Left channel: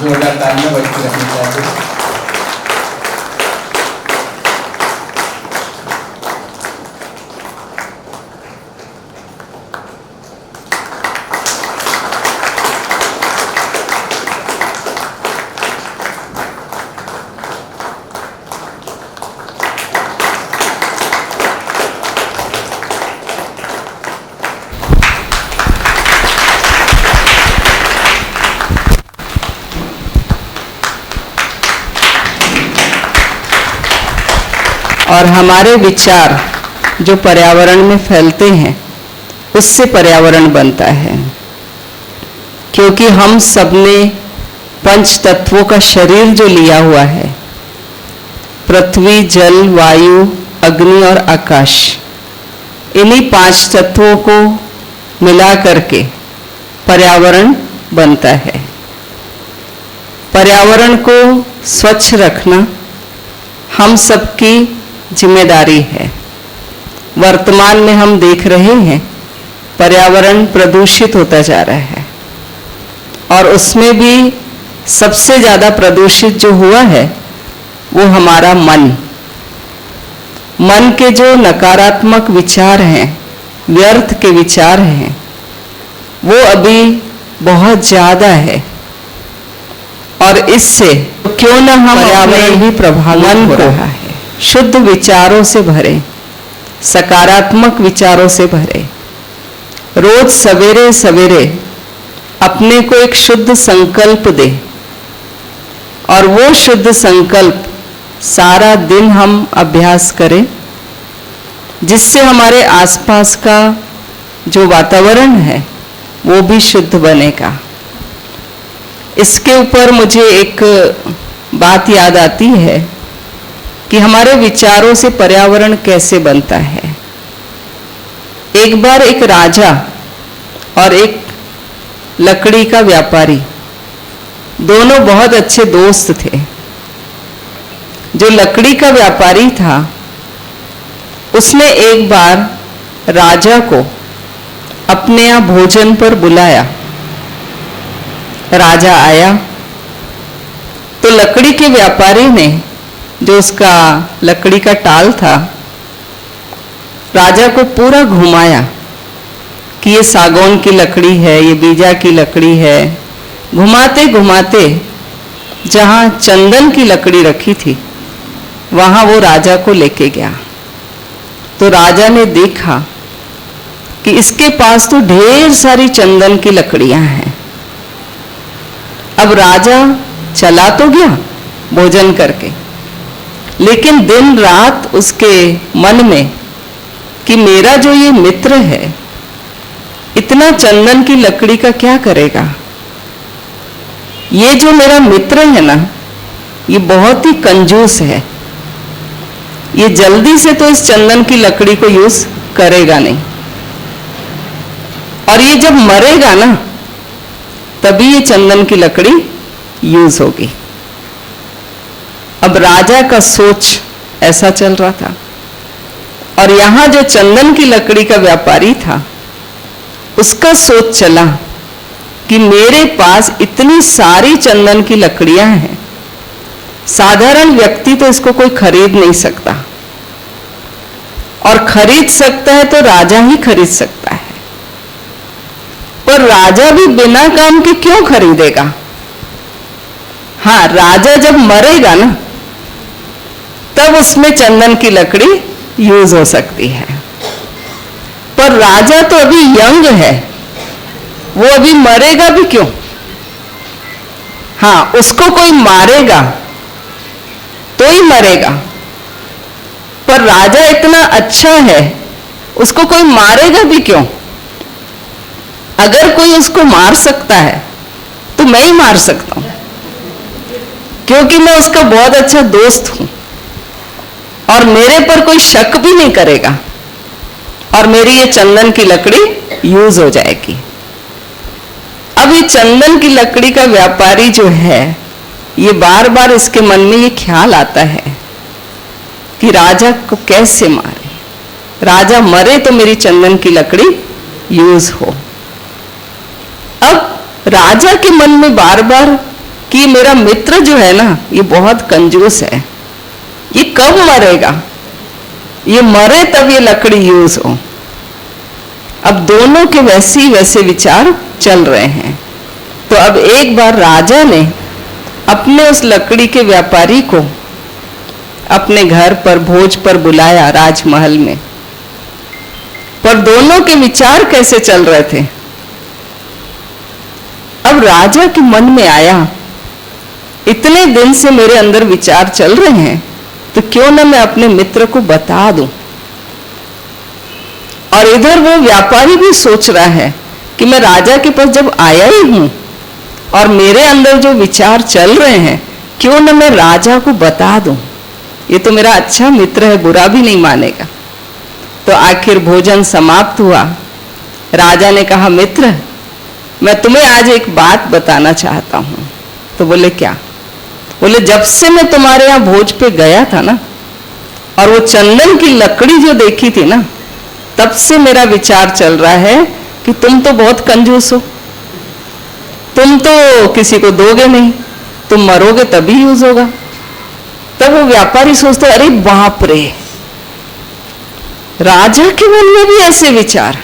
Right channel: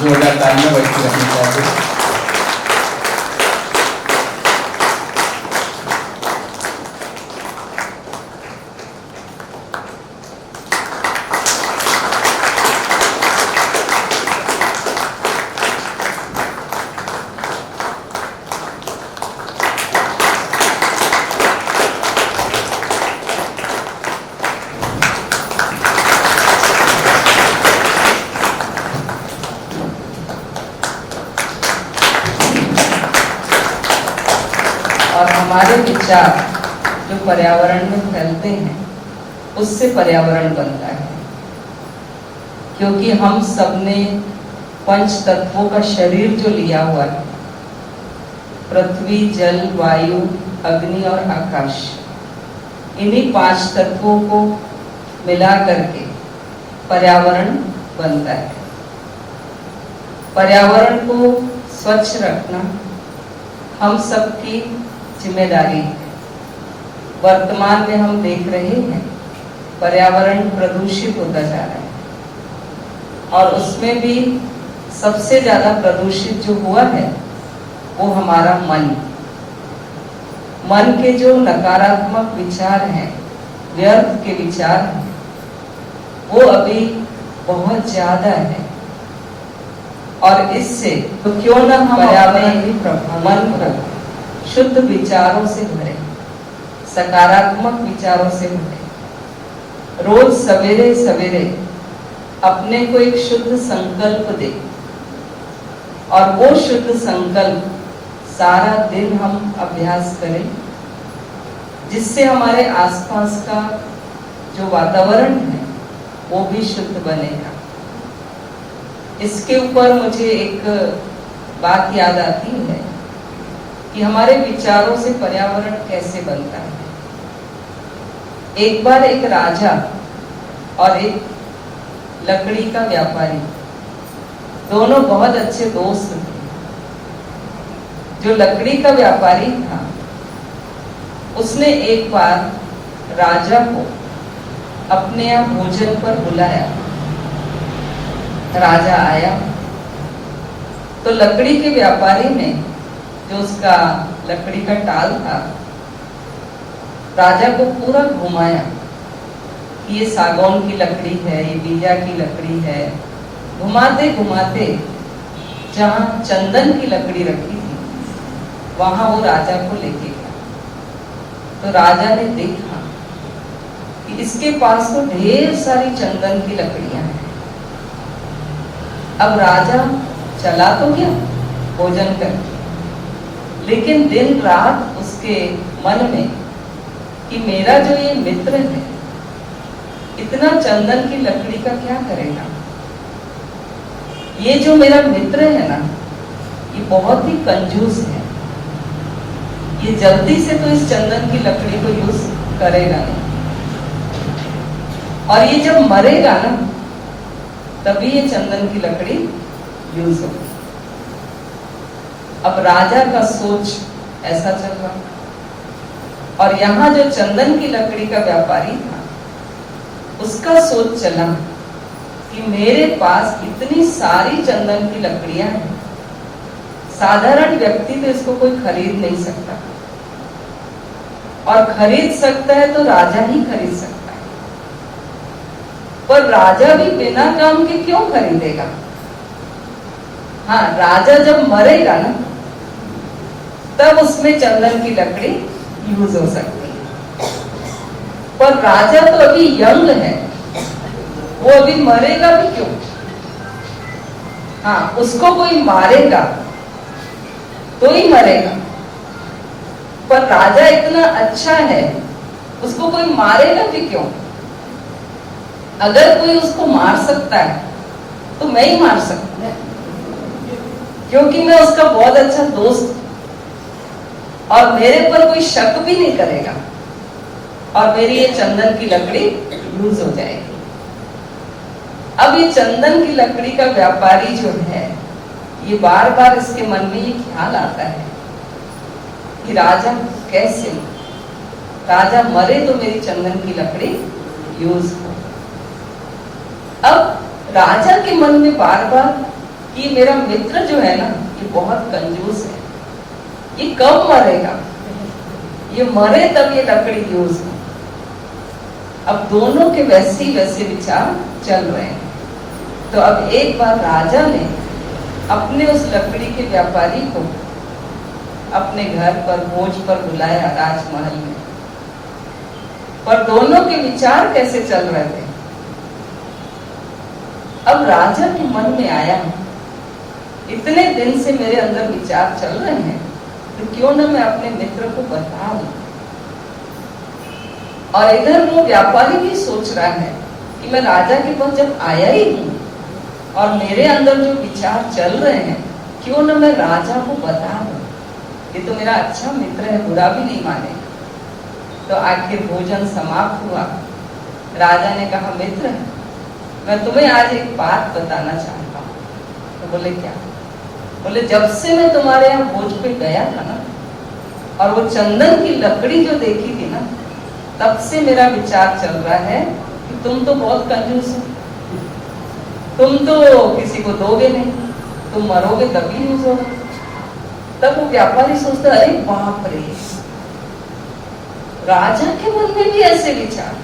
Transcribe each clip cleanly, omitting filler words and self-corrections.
जोरदार तालियां बजती रखनी चाहिए। और हमारे विचार जो पर्यावरण में फैलते हैं उससे पर्यावरण बनता है, क्योंकि हम सबने पंच तत्वों का शरीर जो लिया हुआ है, पृथ्वी, जल, वायु, अग्नि और आकाश, इन्हीं 5 तत्वों को मिला करके पर्यावरण बनता है। पर्यावरण को स्वच्छ रखना हम सबकी जिम्मेदारी है। वर्तमान में हम देख रहे हैं पर्यावरण प्रदूषित होता जा रहा है, और उसमें भी सबसे ज़्यादा प्रदूषित जो हुआ है वो हमारा मन के जो नकारात्मक विचार हैं, व्यर्थ के विचार हैं, वो अभी बहुत ज़्यादा है। और इससे क्यों न हम पर्यावरण ही प्रभावित हो रहा है। शुद्ध विचारों से भरे, सकारात्मक विचारों से भरे, रोज सवेरे सवेरे अपने को एक शुद्ध संकल्प दे, और वो शुद्ध संकल्प सारा दिन हम अभ्यास करें, जिससे हमारे आसपास का जो वातावरण है वो भी शुद्ध बनेगा। इसके ऊपर मुझे एक बात याद आती है कि हमारे विचारों से पर्यावरण कैसे बनता है। एक बार एक राजा और एक लकड़ी का व्यापारी, दोनों बहुत अच्छे दोस्त थे। जो लकड़ी का व्यापारी था उसने एक बार राजा को अपने यहाँ भोजन पर बुलाया। राजा आया तो लकड़ी के व्यापारी ने, जो उसका लकड़ी का टाल था, राजा को पूरा घुमाया कि ये सागौन की लकड़ी है, ये बीजा की लकड़ी है। घुमाते घुमाते जहाँ चंदन की लकड़ी रखी थी वहाँ वो राजा को लेके गया। तो राजा ने देखा कि इसके पास तो ढेर सारी चंदन की लकड़ियाँ हैं। अब राजा चला तो गया भोजन करके, लेकिन दिन रात उसके मन में कि मेरा जो ये मित्र है इतना चंदन की लकड़ी का क्या करेगा। ये जो मेरा मित्र है ना, ये बहुत ही कंजूस है, ये जल्दी से तो इस चंदन की लकड़ी को यूज करेगा नहीं, और ये जब मरेगा ना तभी ये चंदन की लकड़ी यूज होगी। अब राजा का सोच ऐसा चल रहा था, और यहां जो चंदन की लकड़ी का व्यापारी था उसका सोच चला कि मेरे पास इतनी सारी चंदन की लकड़ियां हैं, साधारण व्यक्ति तो इसको कोई खरीद नहीं सकता, और खरीद सकता है तो राजा ही खरीद सकता है। पर राजा भी बिना काम के क्यों खरीदेगा। हाँ, राजा जब मरेगा ना तब उसमें चंदन की लकड़ी यूज हो सकती है। पर राजा तो अभी यंग है, वो अभी मरेगा भी क्यों। हाँ, उसको कोई मारेगा तो ही मरेगा, पर राजा इतना अच्छा है उसको कोई मारेगा भी क्यों। अगर कोई उसको मार सकता है तो मैं ही मार सकता हूं, क्योंकि मैं उसका बहुत अच्छा दोस्त हूं, और मेरे पर कोई शक भी नहीं करेगा, और मेरी ये चंदन की लकड़ी यूज हो जाएगी। अब ये चंदन की लकड़ी का व्यापारी जो है, ये बार बार इसके मन में ये ख्याल आता है कि राजा को कैसे मारे, राजा मरे तो मेरी चंदन की लकड़ी यूज हो। अब राजा के मन में बार बार कि मेरा मित्र जो है ना, ये बहुत कंजूस है, ये कब मरेगा, ये मरे तब ये लकड़ी यूज हो। अब दोनों के वैसे ही वैसे विचार चल रहे हैं। तो अब एक बार राजा ने अपने उस लकड़ी के व्यापारी को अपने घर पर भोज पर बुलाया, राजमहल में। पर दोनों के विचार कैसे चल रहे थे। अब राजा के मन में आया, इतने दिन से मेरे अंदर विचार चल रहे हैं, तो क्यों ना मैं अपने मित्र को बता दूं। और इधर वो व्यापारी भी सोच रहा है कि मैं राजा के पास जब आया ही हूं और मेरे अंदर जो विचार चल रहे हैं, क्यों ना मैं राजा को बता दूं। ये तो मेरा अच्छा मित्र है, बुरा भी नहीं मानेगा। तो आखिर भोजन समाप्त हुआ। राजा ने कहा, मित्र, मैं तुम्हें आज एक बात बताना चाहता हूं। तो बोले, क्या? बोले, जब से मैं तुम्हारे यहां भोज पे गया था ना, और वो चंदन की लकड़ी जो देखी थी ना, तब से मेरा विचार चल रहा है कि तुम तो बहुत कंजूस हो, तुम तो किसी को दोगे नहीं, तुम मरोगे तभी यूज होगा। तब वो व्यापारी सोचते, अरे बाप रे, राजा के मन में भी ऐसे विचार।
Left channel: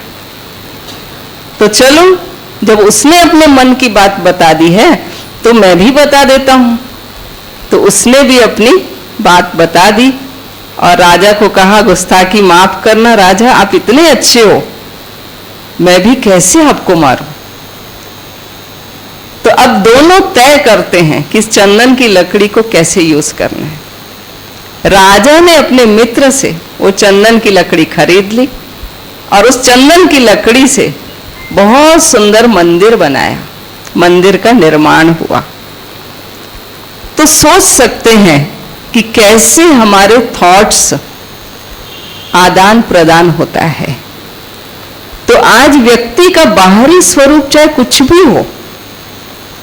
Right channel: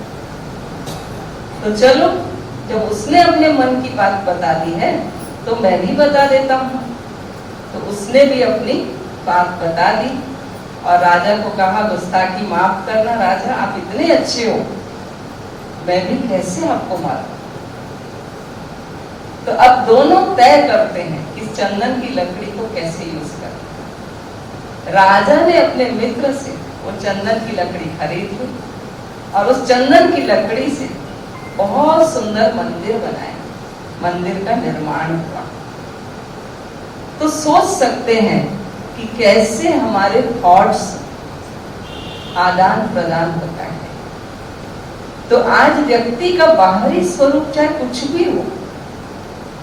तो चलो, जब उसने अपने मन की बात बता दी है तो मैं भी बता देता हूं। तो उसने भी अपनी बात बता दी और राजा को कहा, गुस्ताखी माफ करना राजा, आप इतने अच्छे हो, मैं भी कैसे आपको मारूं। तो अब दोनों तय करते हैं कि इस चंदन की लकड़ी को कैसे यूज करना है। राजा ने अपने मित्र से वो चंदन की लकड़ी खरीद ली और उस चंदन की लकड़ी से बहुत सुंदर मंदिर बनाया, मंदिर का निर्माण हुआ। तो सोच सकते हैं कि कैसे हमारे थॉट्स आदान प्रदान होता है। तो आज व्यक्ति का बाहरी स्वरूप चाहे कुछ भी हो,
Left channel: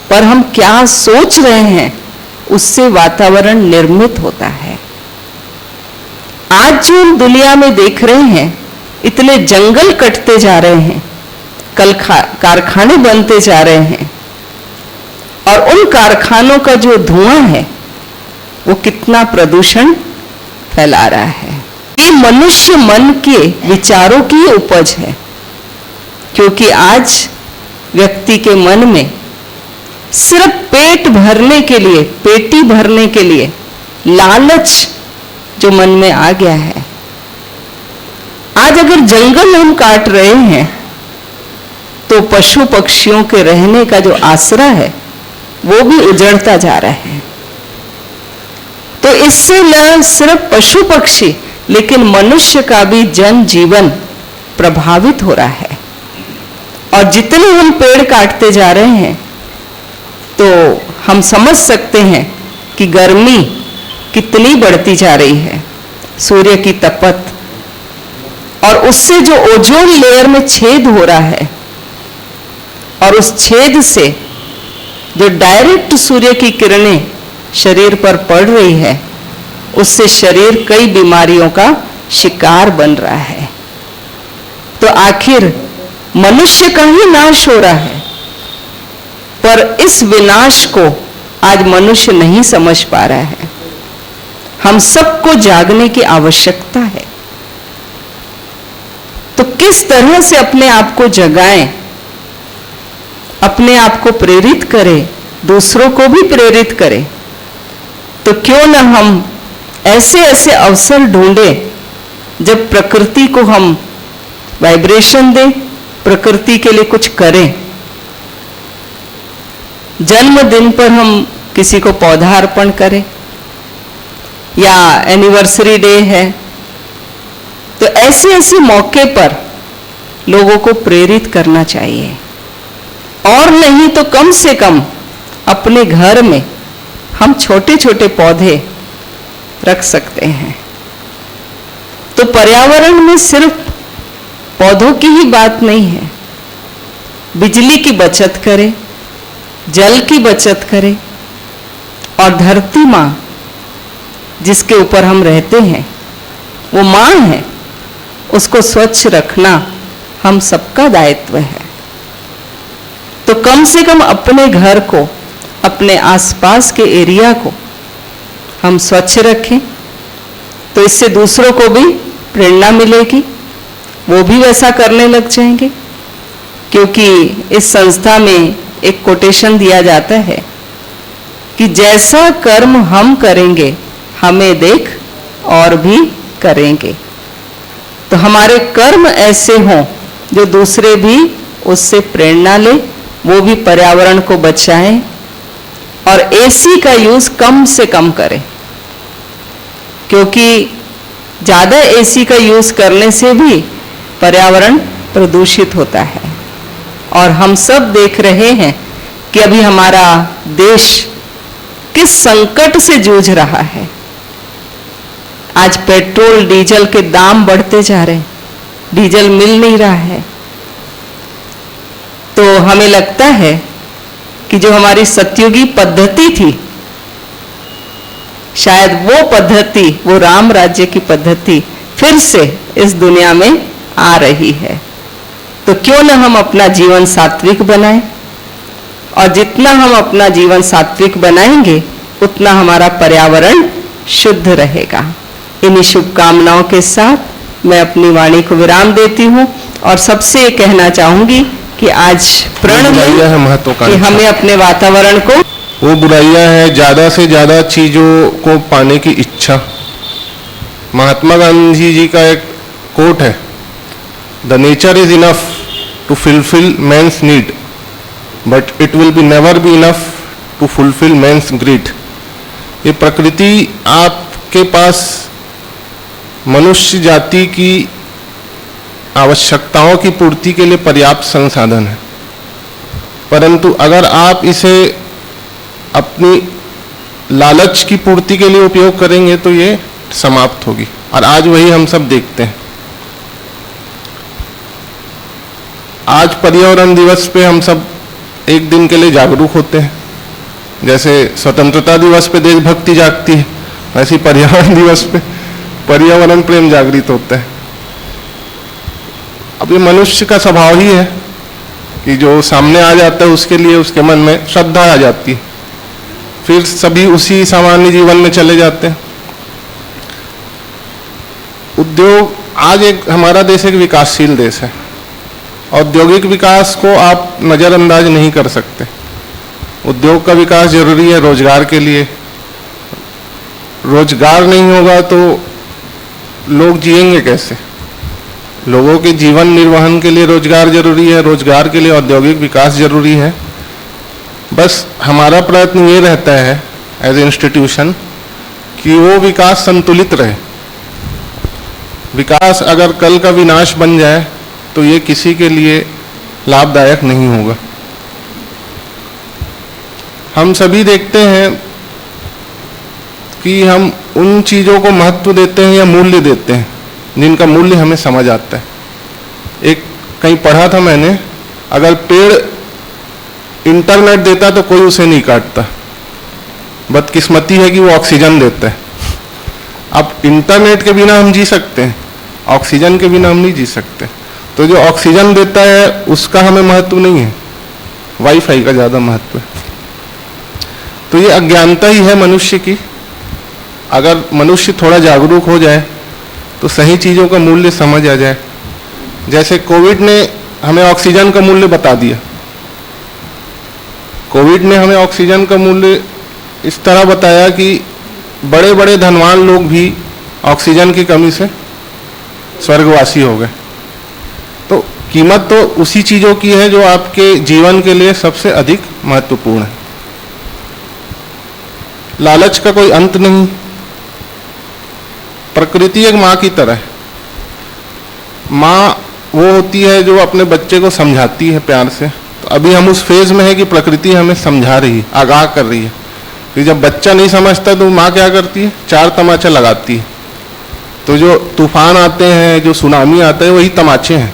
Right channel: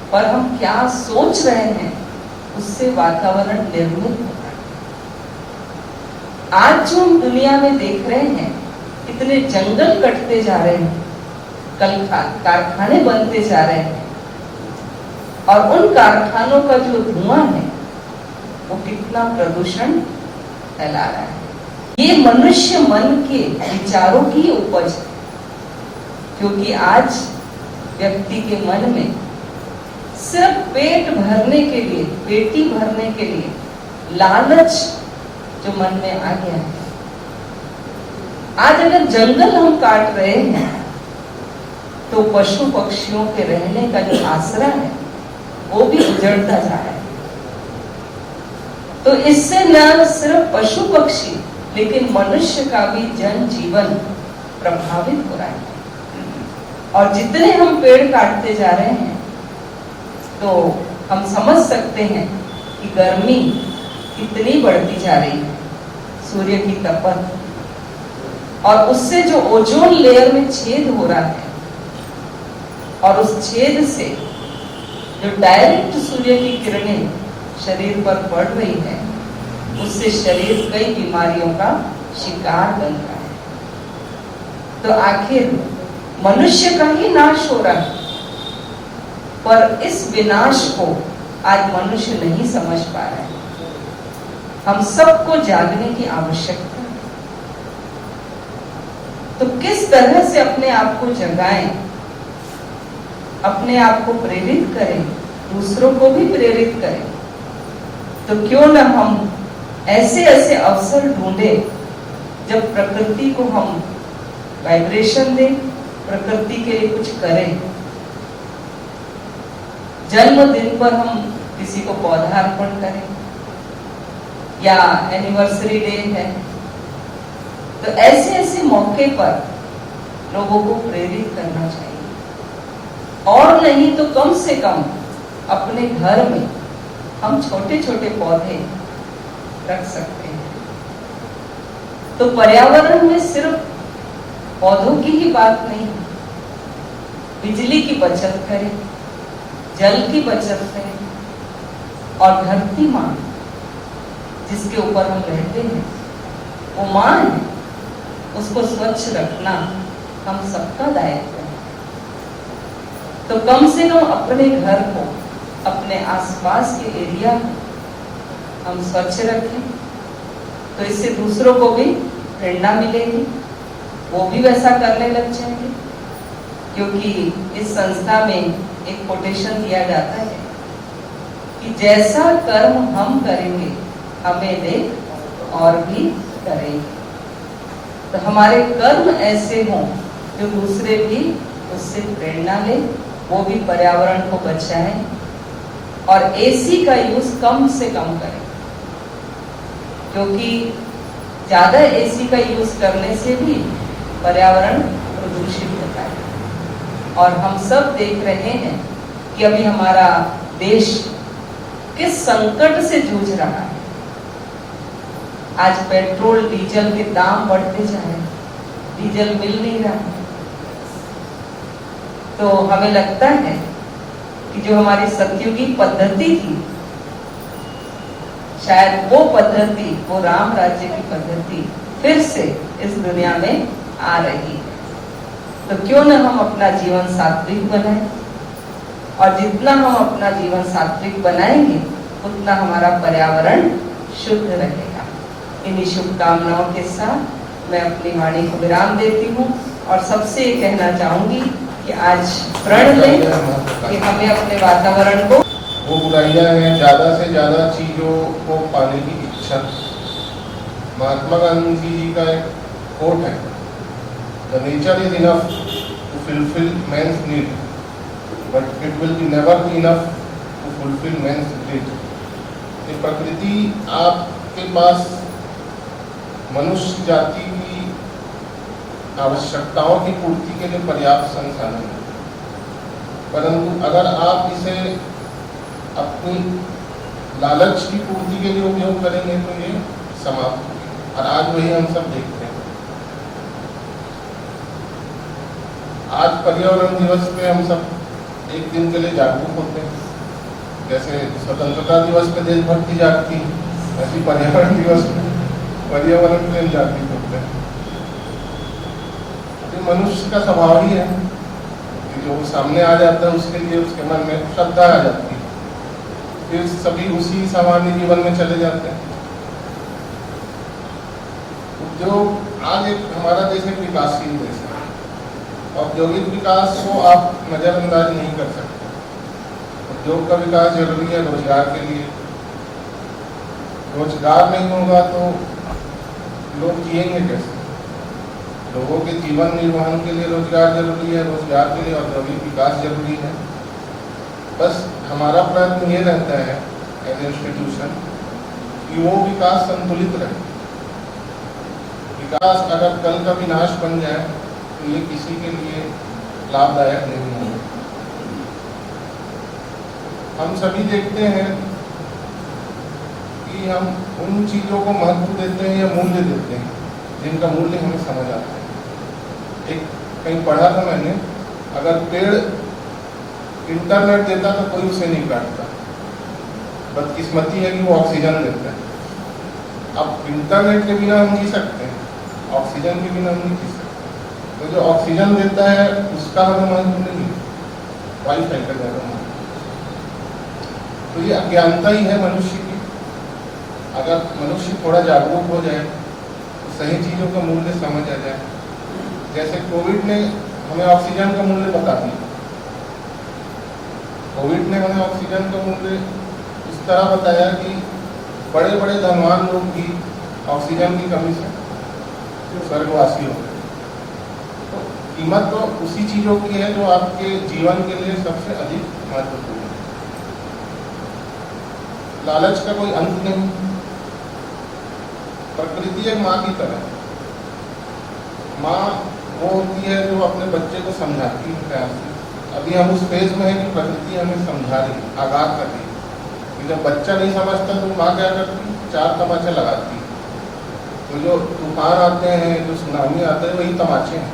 पर हम क्या सोच रहे हैं उससे वातावरण निर्मित होता है। आज जो हम दुनिया में देख रहे हैं, इतने जंगल कटते जा रहे हैं, कल कारखाने बनते जा रहे हैं, और उन कारखानों का जो धुआं है वो कितना प्रदूषण फैला रहा है। ये मनुष्य मन के विचारों की उपज है, क्योंकि आज व्यक्ति के मन में सिर्फ पेट भरने के लिए, पेटी भरने के लिए लालच जो मन में आ गया है। आज अगर जंगल हम काट रहे हैं तो पशु पक्षियों के रहने का जो आसरा है वो भी उजड़ता जा रहा है। तो इससे न सिर्फ पशु पक्षी लेकिन मनुष्य का भी जनजीवन प्रभावित हो रहा है। और जितने हम पेड़ काटते जा रहे हैं तो हम समझ सकते हैं कि गर्मी कितनी बढ़ती जा रही है, सूर्य की तपत, और उससे जो ओजोन लेयर में छेद हो रहा है, और उस छेद से जो डायरेक्ट सूर्य की किरणें शरीर पर पड़ रही है, उससे शरीर कई बीमारियों का शिकार बन रहा है। तो आखिर मनुष्य का ही नाश हो रहा है, पर इस विनाश को आज मनुष्य नहीं समझ पा रहा है। हम सबको जागने की आवश्यकता है। तो किस तरह से अपने आप को जगाएं, अपने आप को प्रेरित करें, दूसरों को भी प्रेरित करें। तो क्यों न हम ऐसे ऐसे अवसर ढूंढें जब प्रकृति को हम वाइब्रेशन दें, प्रकृति के लिए कुछ करें। जन्मदिन पर हम किसी को पौधा अर्पण करें, या एनिवर्सरी डे है, तो ऐसे ऐसे मौके पर लोगों को प्रेरित करना चाहिए। और नहीं तो कम से कम अपने घर में हम छोटे छोटे पौधे रख सकते हैं। तो पर्यावरण में सिर्फ पौधों की ही बात नहीं है, बिजली की बचत करें, जल की बचत करें, और धरती माँ जिसके ऊपर हम रहते हैं वो माँ है, उसको स्वच्छ रखना हम सबका दायित्व है। तो कम से कम अपने घर को अपने आसपास के एरिया को हम स्वच्छ रखें तो इससे दूसरों को भी प्रेरणा मिलेगी, वो भी वैसा करने लग जाएंगे। क्योंकि इस संस्था में एक कोटेशन दिया जाता है कि जैसा कर्म हम करेंगे हमें देख और भी करेंगे। तो हमारे कर्म ऐसे हों जो दूसरे भी उससे प्रेरणा ले, वो भी पर्यावरण को बचाएं और एसी का यूज कम से कम करें, क्योंकि ज्यादा एसी का यूज करने से भी पर्यावरण प्रदूषित होता है। और हम सब देख रहे हैं कि अभी हमारा देश किस संकट से जूझ रहा है। आज पेट्रोल डीजल के दाम बढ़ते जा रहे हैं, डीजल मिल नहीं रहा है। तो हमें लगता है कि जो हमारी सतयुगी पद्धति थी, शायद वो पद्धति, वो राम राज्य की पद्धति फिर से इस दुनिया में आ रही है। तो क्यों न हम अपना जीवन सात्विक बनाएं, और जितना हम अपना जीवन सात्विक बनाएंगे उतना हमारा पर्यावरण शुद्ध रहेगा। इन्हीं शुभकामनाओं के साथ मैं अपनी वाणी को विराम देती हूँ और सबसे ये कहना चाहूंगी कि आज प्रण में कि हमें अपने वातावरण को, वो बुराइयां हैं ज्यादा से ज्यादा चीजों को पाने की इच्छा। महात्मा गांधी जी का एक कोट है, the nature is enough to fulfil man's need but it will be never be enough to fulfil man's greed. ये प्रकृति आपके पास मनुष्य जाति की आवश्यकताओं की पूर्ति के लिए पर्याप्त संसाधन है, परंतु अगर आप इसे अपनी लालच की पूर्ति के लिए उपयोग करेंगे तो ये समाप्त होगी। और आज वही हम सब देखते हैं। आज पर्यावरण दिवस पे हम सब एक दिन के लिए जागरूक होते हैं। जैसे स्वतंत्रता दिवस पे देशभक्ति जागती है, ऐसी पर्यावरण दिवस पे पर्यावरण प्रेम जागृत होता है। अब ये मनुष्य का स्वभाव ही है कि जो सामने आ जाता है उसके लिए उसके मन में श्रद्धा आ जाती है, फिर सभी उसी सामान्य जीवन में चले जाते हैं। उद्योग, आज एक हमारा देश एक विकासशील देश है। औद्योगिक विकास को आप नजरअंदाज नहीं कर सकते। उद्योग का विकास जरूरी है रोजगार के लिए। रोजगार नहीं होगा तो लोग जिएंगे कैसे? लोगों के जीवन निर्वहन के लिए रोजगार जरूरी है, रोजगार के लिए औद्योगिक विकास जरूरी है। बस हमारा प्रयत्न ये रहता है एज ए इंस्टीट्यूशन कि वो विकास संतुलित रहे। विकास अगर कल का विनाश बन जाए तो ये किसी के लिए लाभदायक नहीं होगा। हम सभी देखते हैं कि हम उन चीज़ों को महत्व देते हैं या मूल्य देते हैं जिनका मूल्य हमें समझ आता है। एक कहीं पढ़ा था मैंने, अगर पेड़ इंटरनेट देता तो कोई उसे नहीं काटता, बदकिस्मती है कि वो ऑक्सीजन देता है। अब इंटरनेट के बिना हम जी सकते हैं, ऑक्सीजन के बिना हम नहीं जी सकते। तो जो ऑक्सीजन देता है उसका हमें महत्व नहीं है, वाईफाई का ज़्यादा महत्व है। तो ये अज्ञानता ही है मनुष्य की। अगर मनुष्य थोड़ा जागरूक हो जाए तो सही चीज़ों का मूल्य समझ आ जाए। जैसे कोविड ने हमें ऑक्सीजन का मूल्य बता दिया। कोविड ने हमें ऑक्सीजन का मूल्य इस तरह बताया कि बड़े बड़े धनवान लोग भी ऑक्सीजन की कमी से स्वर्गवासी हो गए। तो कीमत तो उसी चीज़ों की है जो आपके जीवन के लिए सबसे अधिक महत्वपूर्ण है। लालच का कोई अंत नहीं। प्रकृति एक माँ की तरह है। माँ वो होती है जो अपने बच्चे को समझाती है प्यार से। तो अभी हम उस फेज में है कि प्रकृति हमें समझा रही है, आगाह कर रही है। कि जब बच्चा नहीं समझता तो माँ क्या करती है? चार तमाचा लगाती है। तो जो तूफान आते हैं, जो सुनामी आता है, वही तमाचे हैं।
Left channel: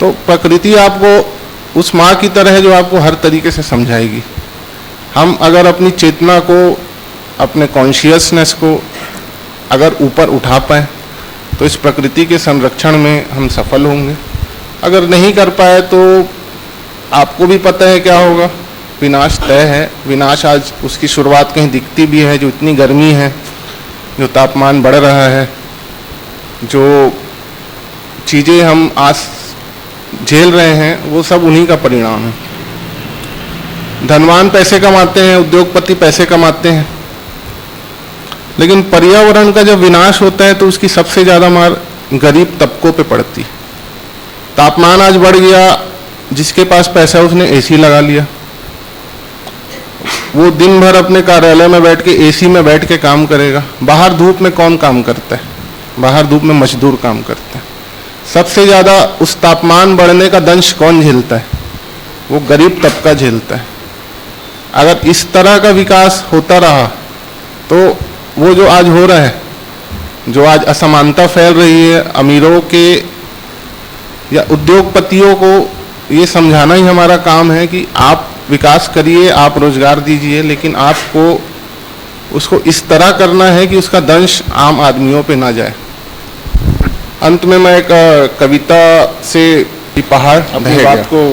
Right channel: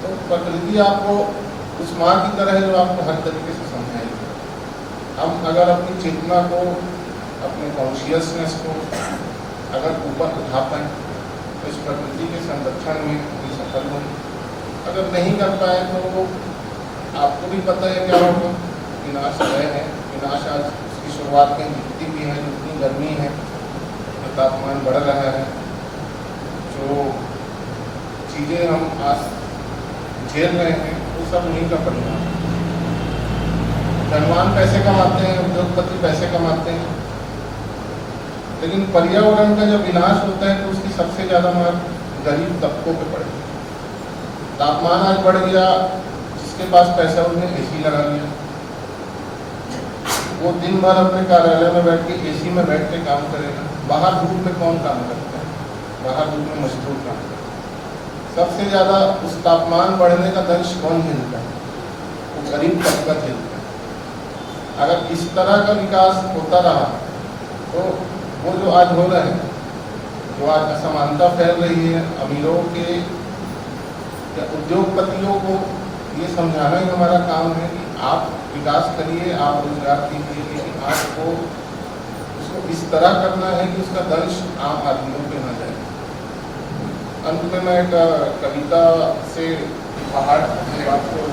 तो प्रकृति आपको उस माँ की तरह है जो आपको हर तरीके से समझाएगी। हम अगर अपनी चेतना को, अपने कॉन्शियसनेस को अगर ऊपर उठा पाए तो इस प्रकृति के संरक्षण में हम सफल होंगे। अगर नहीं कर पाए तो आपको भी पता है क्या होगा। विनाश तय है। विनाश आज उसकी शुरुआत कहीं दिखती भी है। जो इतनी गर्मी है, जो तापमान बढ़ रहा है, जो चीज़ें हम आज झेल रहे हैं, वो सब उन्हीं का परिणाम है। धनवान पैसे कमाते हैं, उद्योगपति पैसे कमाते हैं, लेकिन पर्यावरण का जब विनाश होता है तो उसकी सबसे ज़्यादा मार गरीब तबकों पे पड़ती। तापमान आज बढ़ गया, जिसके पास पैसा है उसने एसी लगा लिया। वो दिन भर अपने कार्यालय में बैठ के एसी में बैठ के काम करेगा। बाहर धूप में कौन काम करता है? बाहर धूप में मजदूर काम करते हैं। सबसे ज़्यादा उस तापमान बढ़ने का दंश कौन झेलता है? वो गरीब तबका झेलता है। अगर इस तरह का विकास होता रहा तो वो जो आज हो रहा है, जो आज असमानता फैल रही है, अमीरों के या उद्योगपतियों को ये समझाना ही हमारा काम है कि आप विकास करिए, आप रोजगार दीजिए, लेकिन आपको उसको इस तरह करना है कि उसका दंश आम आदमियों पे ना जाए। अंत में मैं एक कविता से पहाड़ अपनी बात को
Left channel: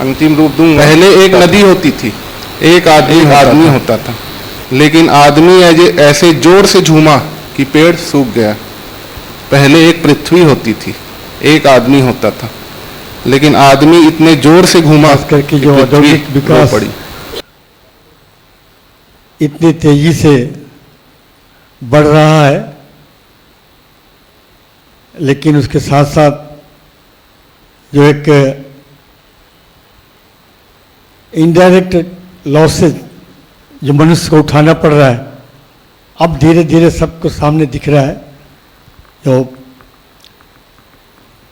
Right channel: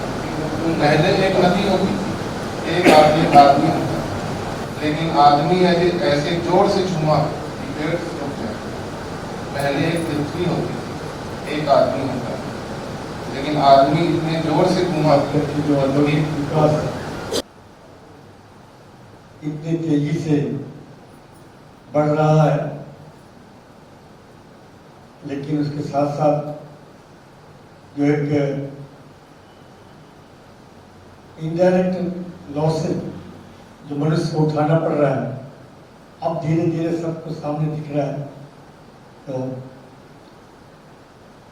अंतिम रूप दूंगा। पहले एक नदी होती थी, एक आदमी होता था, लेकिन आदमी ऐसे जोर से झूमा कि पेड़ सूख गया। पहले एक पृथ्वी होती थी, एक आदमी होता था, लेकिन आदमी इतने जोर से घूमा करके जो औद्योगिक विकास पड़ी। इतनी तेजी से बढ़ रहा है, लेकिन उसके साथ साथ जो एक इनडायरेक्ट लॉसेज जो मनुष्य को उठाना पड़ रहा है, अब धीरे धीरे सबको सामने दिख रहा है। जो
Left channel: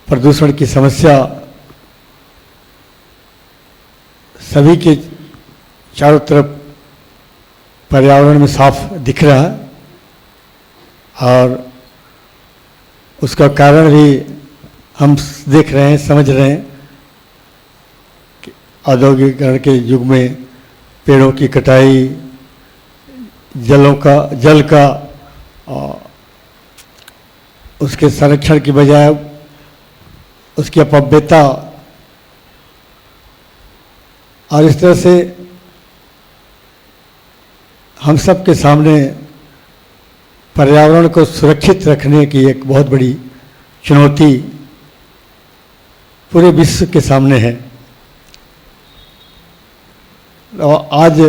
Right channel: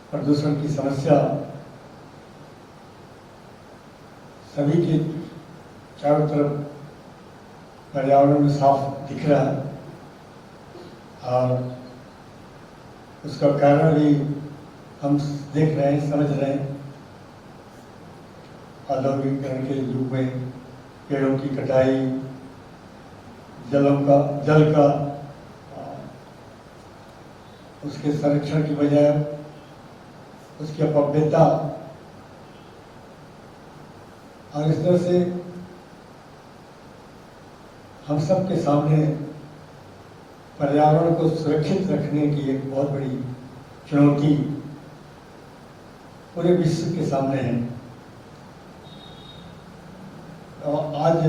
प्रदूषण की समस्या सभी के चारों तरफ पर्यावरण में साफ दिख रहा है, और उसका कारण भी हम देख रहे हैं, समझ रहे हैं कि औद्योगिकरण के युग में पेड़ों की कटाई, जल का उसके संरक्षण की बजाय उसकी अपव्ययता, और इस तरह से हम सब के सामने पर्यावरण को सुरक्षित रखने की एक बहुत बड़ी चुनौती पूरे विश्व के सामने है। और आज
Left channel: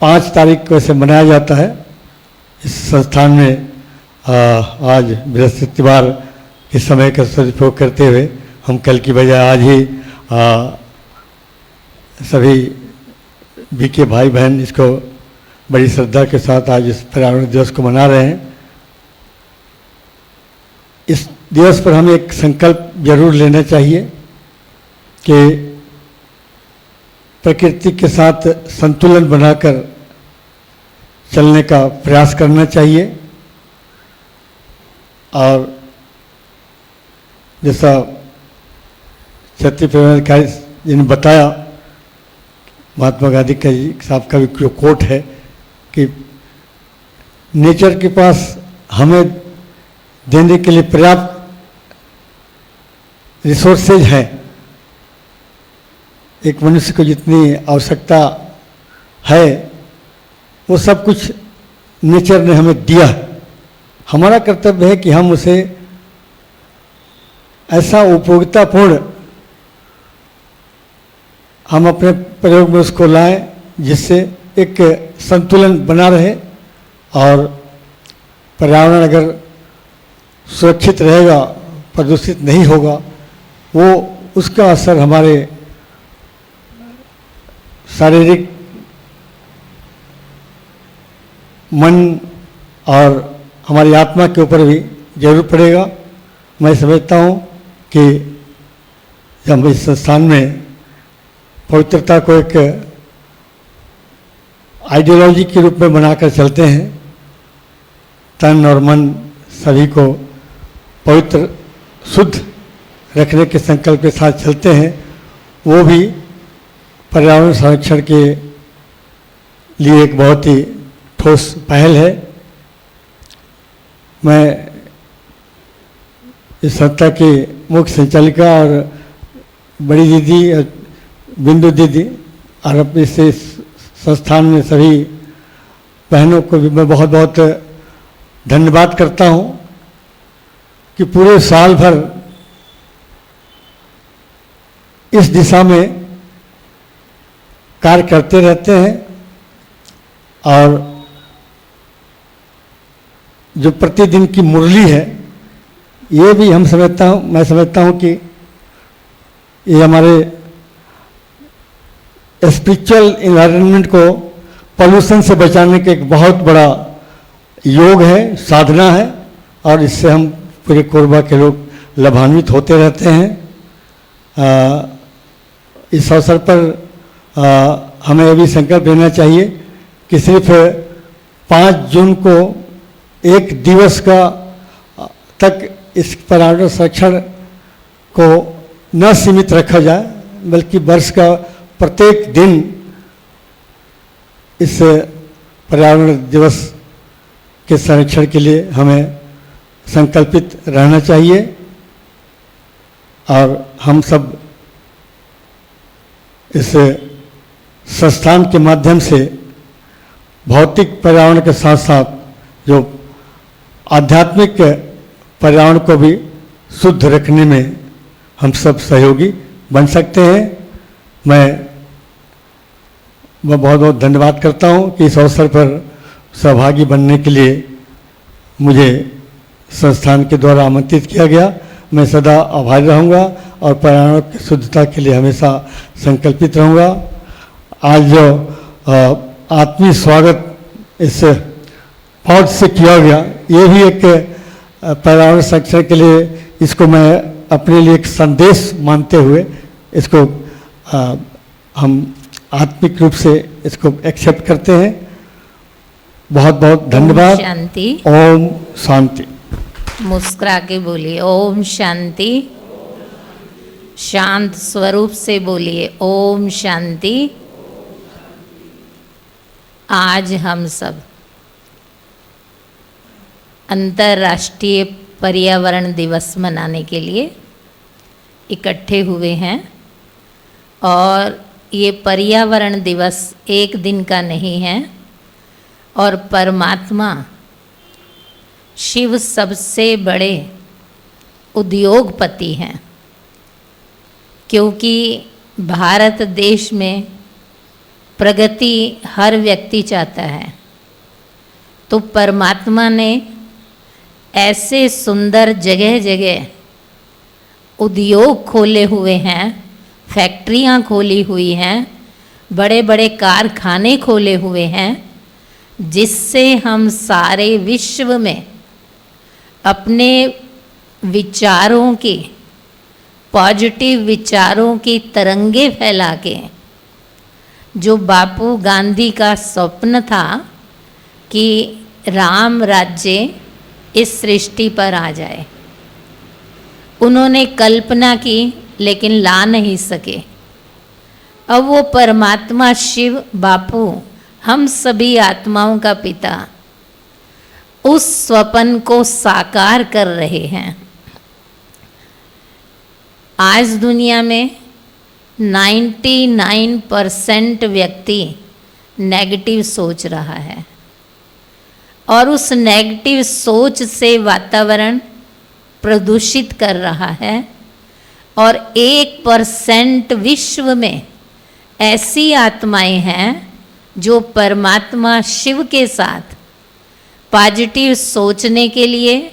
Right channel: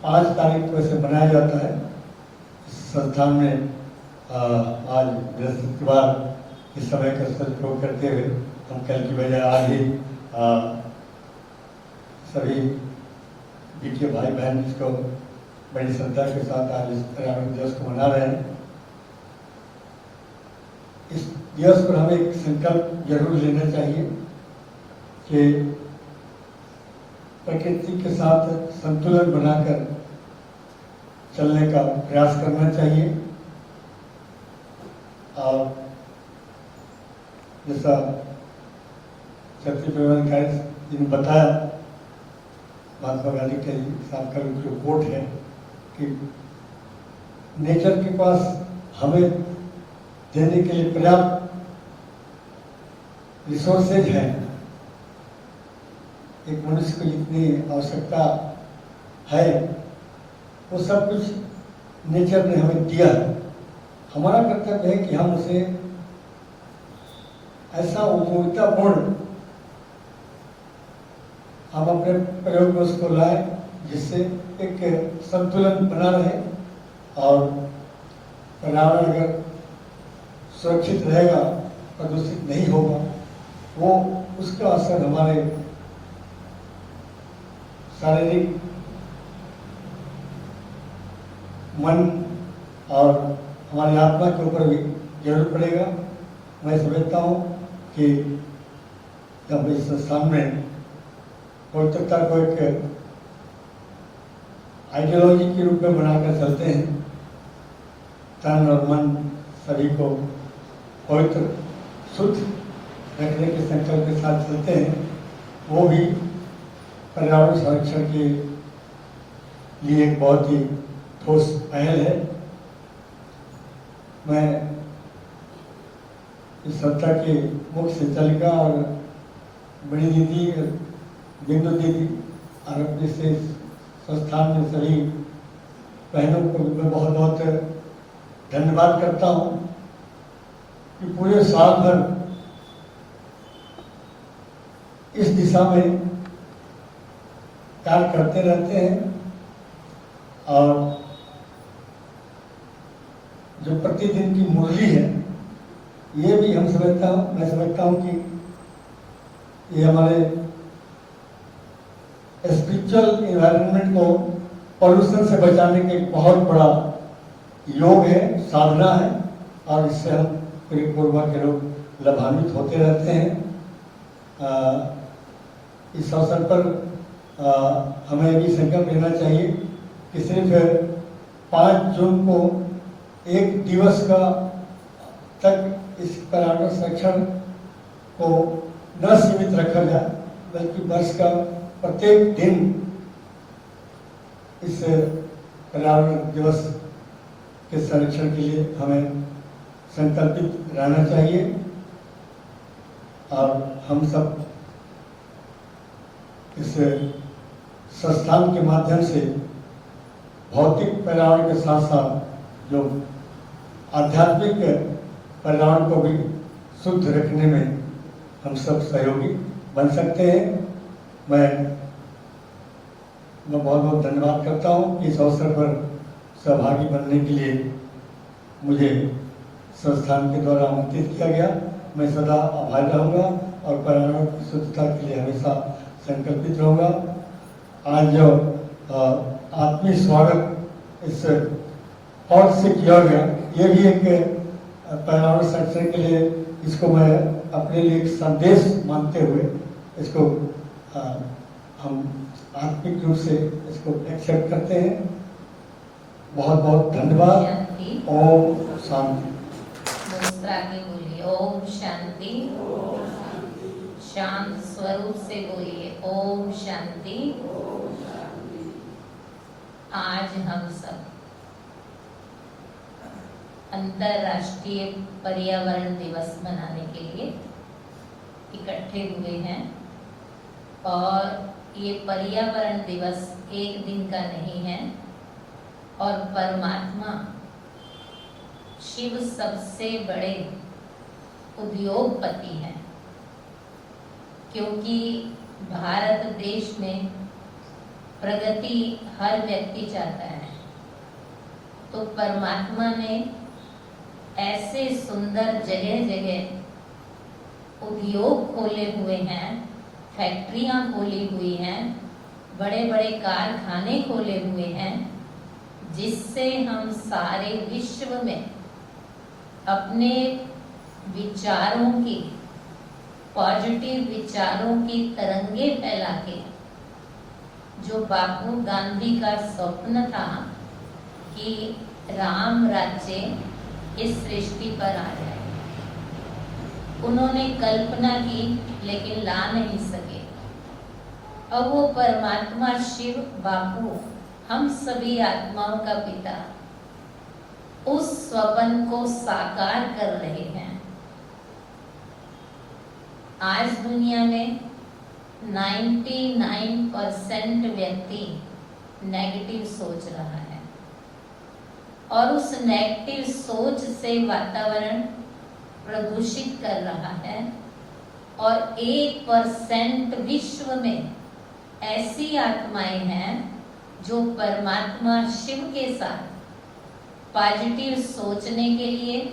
5 तारीख को इसे मनाया जाता है। इस संस्थान में आज बृहस्पतिवार के समय का सदुपयोग करते हुए हम कल की बजाय आज ही सभी बीके भाई बहन इसको बड़ी श्रद्धा के साथ आज इस पर्यावरण दिवस को मना रहे हैं। इस दिवस पर हमें एक संकल्प जरूर लेना चाहिए कि प्रकृति के साथ संतुलन बनाकर चलने का प्रयास करना चाहिए। और जैसा क्षत्रिय प्रेमाधिकारी जी ने बताया, महात्मा गांधी का साहब का भी जो कोट है कि नेचर के पास हमें देने के लिए पर्याप्त रिसोर्सेज हैं। एक मनुष्य को जितनी आवश्यकता है वो सब कुछ नेचर ने हमें दिया है। हमारा कर्तव्य है कि हम उसे ऐसा उपयोगितापूर्ण हम अपने प्रयोग में उसको लाएं जिससे एक संतुलन बना रहे, और पर्यावरण अगर सुरक्षित रहेगा, प्रदूषित नहीं होगा, वो उसका असर हमारे शारीरिक, मन और हमारी आत्मा के ऊपर भी जरूर पड़ेगा। मैं समझता हूँ कि जब हम इस संस्थान में पवित्रता को एक आइडियोलॉजी के रूप में बनाकर चलते हैं, तन और मन सभी को पवित्र शुद्ध रखने के संकल्प के साथ चलते हैं, वो भी पर्यावरण संरक्षण के लिए एक बहुत ही ठोस पहल है। मैं इस संस्था की मुख्य संचालिका और बड़ी दीदी बिंदु दीदी और अपने से संस्थान में सभी बहनों को भी मैं बहुत बहुत धन्यवाद करता हूँ कि पूरे साल भर इस दिशा में कार्य करते रहते हैं और जो प्रतिदिन की मुरली है ये भी मैं समझता हूँ कि ये हमारे स्पिरिचुअल इन्वायरमेंट को पॉल्यूशन से बचाने का एक बहुत बड़ा योग है, साधना है और इससे हम पूरे कोरबा के लोग लाभान्वित होते रहते हैं। इस अवसर पर हमें अभी संकल्प लेना चाहिए कि सिर्फ 5 जून को एक दिवस का तक इस पर्यावरण संरक्षण को न सीमित रखा जाए, बल्कि वर्ष का प्रत्येक दिन इस पर्यावरण दिवस के संरक्षण के लिए हमें संकल्पित रहना चाहिए और हम सब इस संस्थान के माध्यम से भौतिक पर्यावरण के साथ साथ जो आध्यात्मिक पर्यावरण को भी शुद्ध रखने में हम सब सहयोगी बन सकते हैं। मैं बहुत बहुत धन्यवाद करता हूं कि इस अवसर पर सहभागी बनने के लिए मुझे संस्थान के द्वारा आमंत्रित किया गया। मैं सदा आभारी रहूँगा और पर्यावरण की शुद्धता के लिए हमेशा संकल्पित रहूँगा। आज जो आत्मीय स्वागत इस पौध से किया गया, ये भी एक पर्यावरण संरक्षण के लिए इसको मैं अपने लिए एक संदेश मानते हुए इसको हम आत्मिक रूप से इसको एक्सेप्ट करते हैं। बहुत बहुत धन्यवाद। शांति। ओम शांति। मुस्कुरा के बोलिए ओम शांति। शांत स्वरूप से बोलिए ओम शांति। आज हम सब अंतर्राष्ट्रीय पर्यावरण दिवस मनाने के लिए इकट्ठे हुए हैं और ये पर्यावरण दिवस एक दिन का नहीं है और परमात्मा शिव सबसे बड़े उद्योगपति हैं, क्योंकि भारत देश में प्रगति हर व्यक्ति चाहता है। तो परमात्मा ने ऐसे सुंदर जगह जगह उद्योग खोले हुए हैं, फैक्ट्रियां खोली हुई हैं, बड़े बड़े कारखाने खोले हुए हैं, जिससे हम सारे विश्व में अपने विचारों की, पॉजिटिव विचारों की तरंगे फैला के, जो बापू गांधी का स्वप्न था कि राम राज्य इस सृष्टि पर आ जाए, उन्होंने कल्पना की लेकिन ला नहीं सके। अब वो परमात्मा शिव बापू, हम सभी आत्माओं का पिता, उस स्वप्न को साकार कर रहे हैं। आज दुनिया में 99% व्यक्ति नेगेटिव सोच रहा है और उस नेगेटिव सोच से वातावरण प्रदूषित कर रहा है और 1% विश्व में ऐसी आत्माएं हैं जो परमात्मा शिव के साथ पॉजिटिव सोचने के लिए,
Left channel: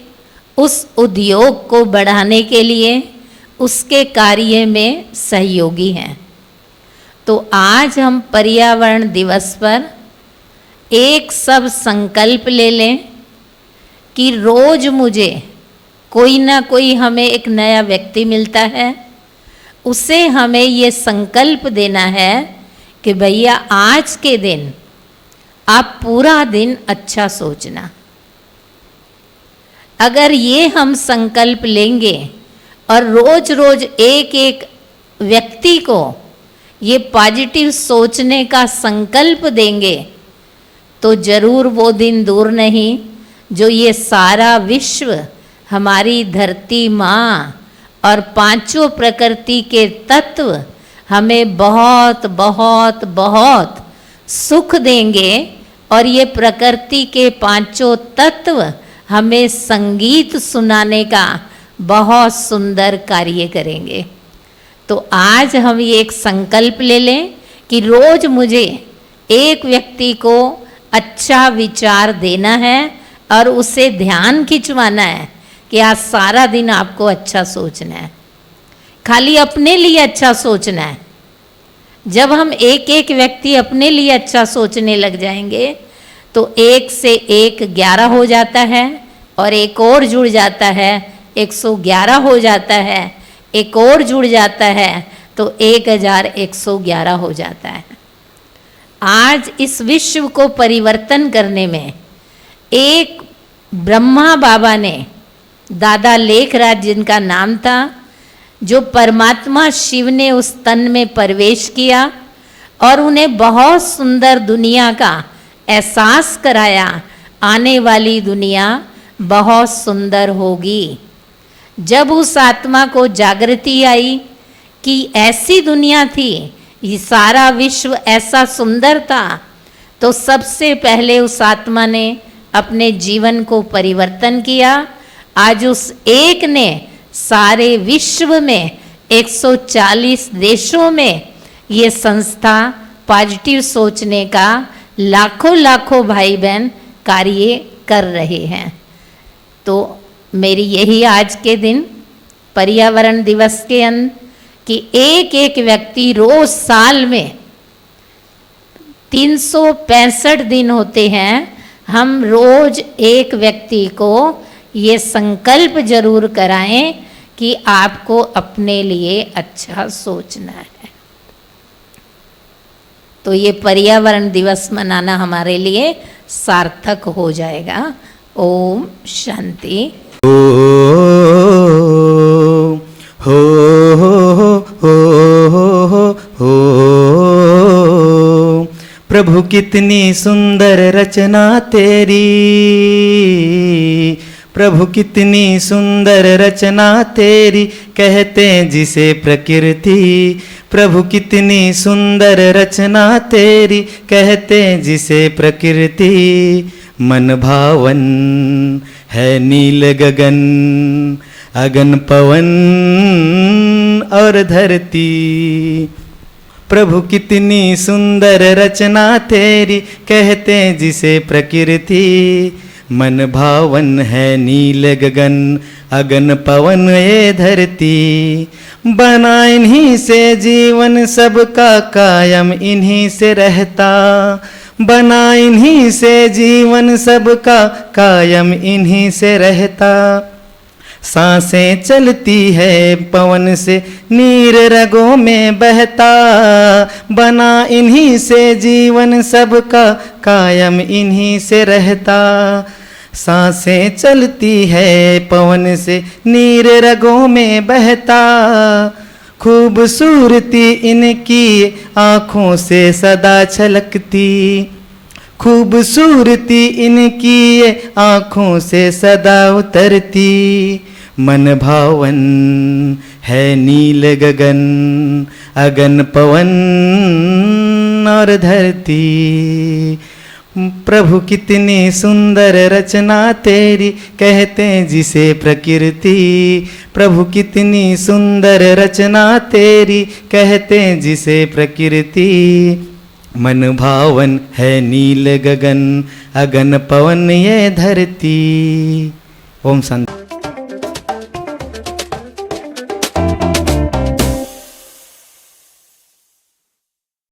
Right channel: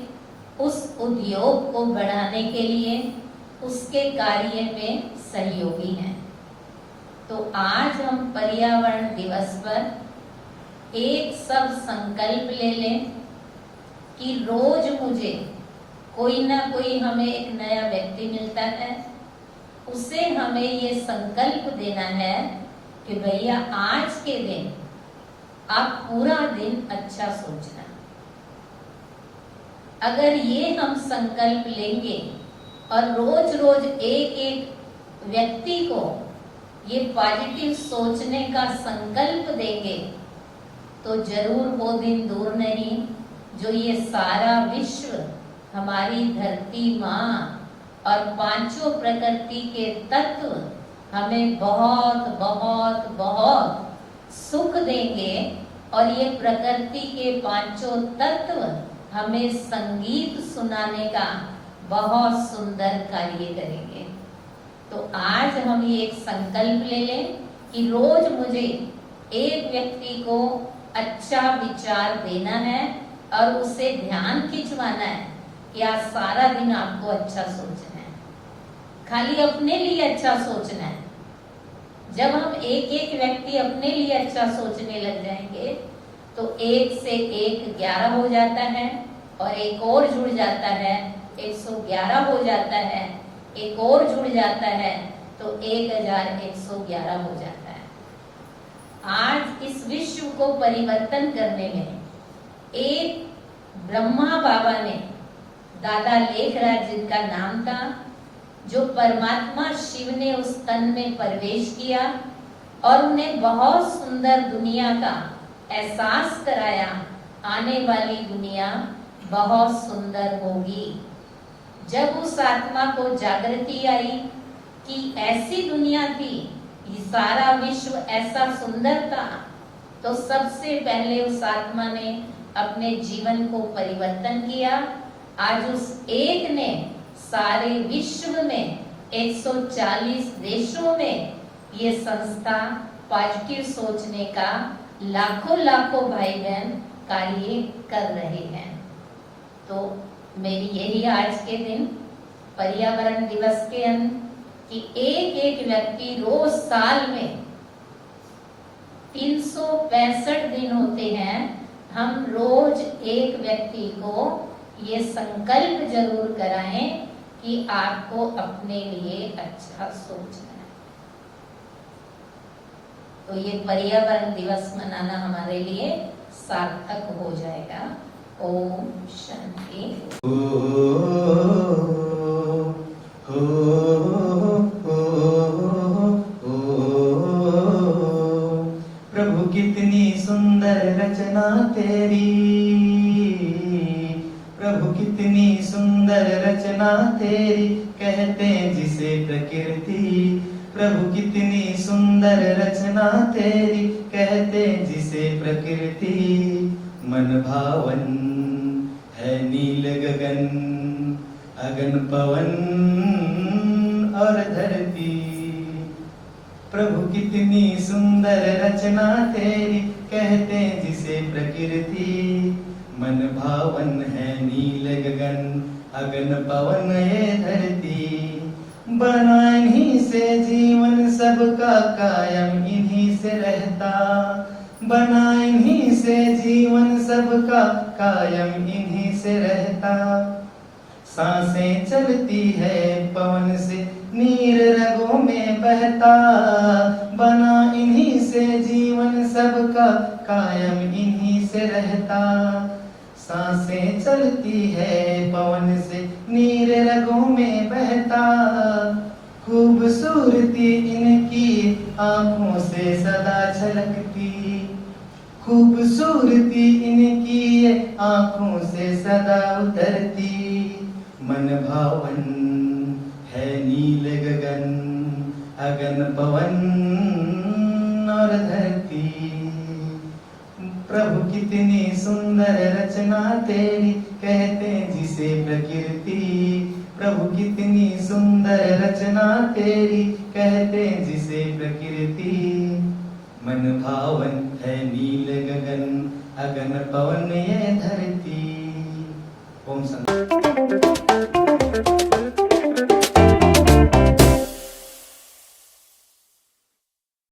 उस उद्योग को बढ़ाने के लिए, उसके कार्य में सहयोगी हैं। तो आज हम पर्यावरण दिवस पर एक सब संकल्प ले लें कि रोज मुझे कोई ना कोई हमें एक नया व्यक्ति मिलता है, उसे हमें ये संकल्प देना है कि भैया आज के दिन आप पूरा दिन अच्छा सोचना। अगर ये हम संकल्प लेंगे और रोज रोज एक एक व्यक्ति को ये पॉजिटिव सोचने का संकल्प देंगे, तो जरूर वो दिन दूर नहीं जो ये सारा विश्व, हमारी धरती माँ और पांचों प्रकृति के तत्व हमें बहुत बहुत बहुत सुख देंगे और ये प्रकृति के पांचों तत्व हमें संगीत सुनाने का बहुत सुंदर कार्य करेंगे। तो आज हम ये एक संकल्प ले लें कि रोज मुझे एक व्यक्ति को अच्छा विचार देना है और उसे ध्यान खिंचवाना है कि आज सारा दिन आपको अच्छा सोचना है, खाली अपने लिए अच्छा सोचना है। जब हम एक एक व्यक्ति अपने लिए अच्छा सोचने लग जाएंगे तो 1 से 1 11 हो जाता है और एक और जुड़ जाता है 111 हो जाता है, एक और जुड़ जाता है तो 1111 हो जाता है। आज इस विश्व को परिवर्तन करने में एक ब्रह्मा बाबा ने, दादा लेखराज जिनका नाम था, जो परमात्मा शिव ने उस तन में प्रवेश किया और उन्हें बहुत सुंदर दुनिया का एहसास कराया, आने वाली दुनिया बहुत सुंदर होगी। जब उस आत्मा को जागृति आई कि ऐसी दुनिया थी, ये सारा विश्व ऐसा सुंदर था, तो सबसे पहले उस आत्मा ने अपने जीवन को परिवर्तन किया। आज उस एक ने सारे विश्व में 140 देशों में ये संस्था पॉजिटिव सोचने का लाखों लाखों भाई बहन कार्य कर रहे हैं। तो मेरी यही आज के दिन पर्यावरण दिवस के अंदर कि एक एक व्यक्ति रोज साल में 365 दिन होते हैं, हम रोज एक व्यक्ति को ये संकल्प जरूर कराएं कि आपको अपने लिए अच्छा सोचना है। तो ये पर्यावरण दिवस मनाना हमारे लिए सार्थक हो जाएगा। ओम शांति। प्रभु कितनी सुंदर रचना तेरी, प्रभु कितनी सुंदर रचना तेरी, कहते जिसे प्रकृति। प्रभु कितनी सुंदर रचना तेरी, कहते जिसे प्रकृति। मन भावन है नील गगन, अगन पवन और धरती। प्रभु कितनी सुंदर रचना तेरी, कहते जिसे प्रकृति। मन भावन है नील गगन, अगन पवन ये धरती। बना इन्हीं से जीवन सबका कायम इन्हीं से रहता। बना इन्हीं से जीवन सबका कायम इन्हीं से रहता। सांसें चलती है पवन से, नीर रगों में बहता। बना इन्हीं से जीवन सबका कायम इन्हीं से रहता। सांसें चलती है पवन से, नीर रगों में बहता। खूबसूरती इनकी आँखों से सदा छलकती। खूबसूरती इनकी आँखों से सदा उतरती। मन भावन है नील गगन, अगन पवन और धरती। प्रभु कितनी सुंदर रचना तेरी, कहते जिसे प्रकृति। प्रभु कितनी सुंदर रचना तेरी, कहते जिसे प्रकृति। मन भावन है नील गगन, अगन पवन ये धरती। ओम शांति।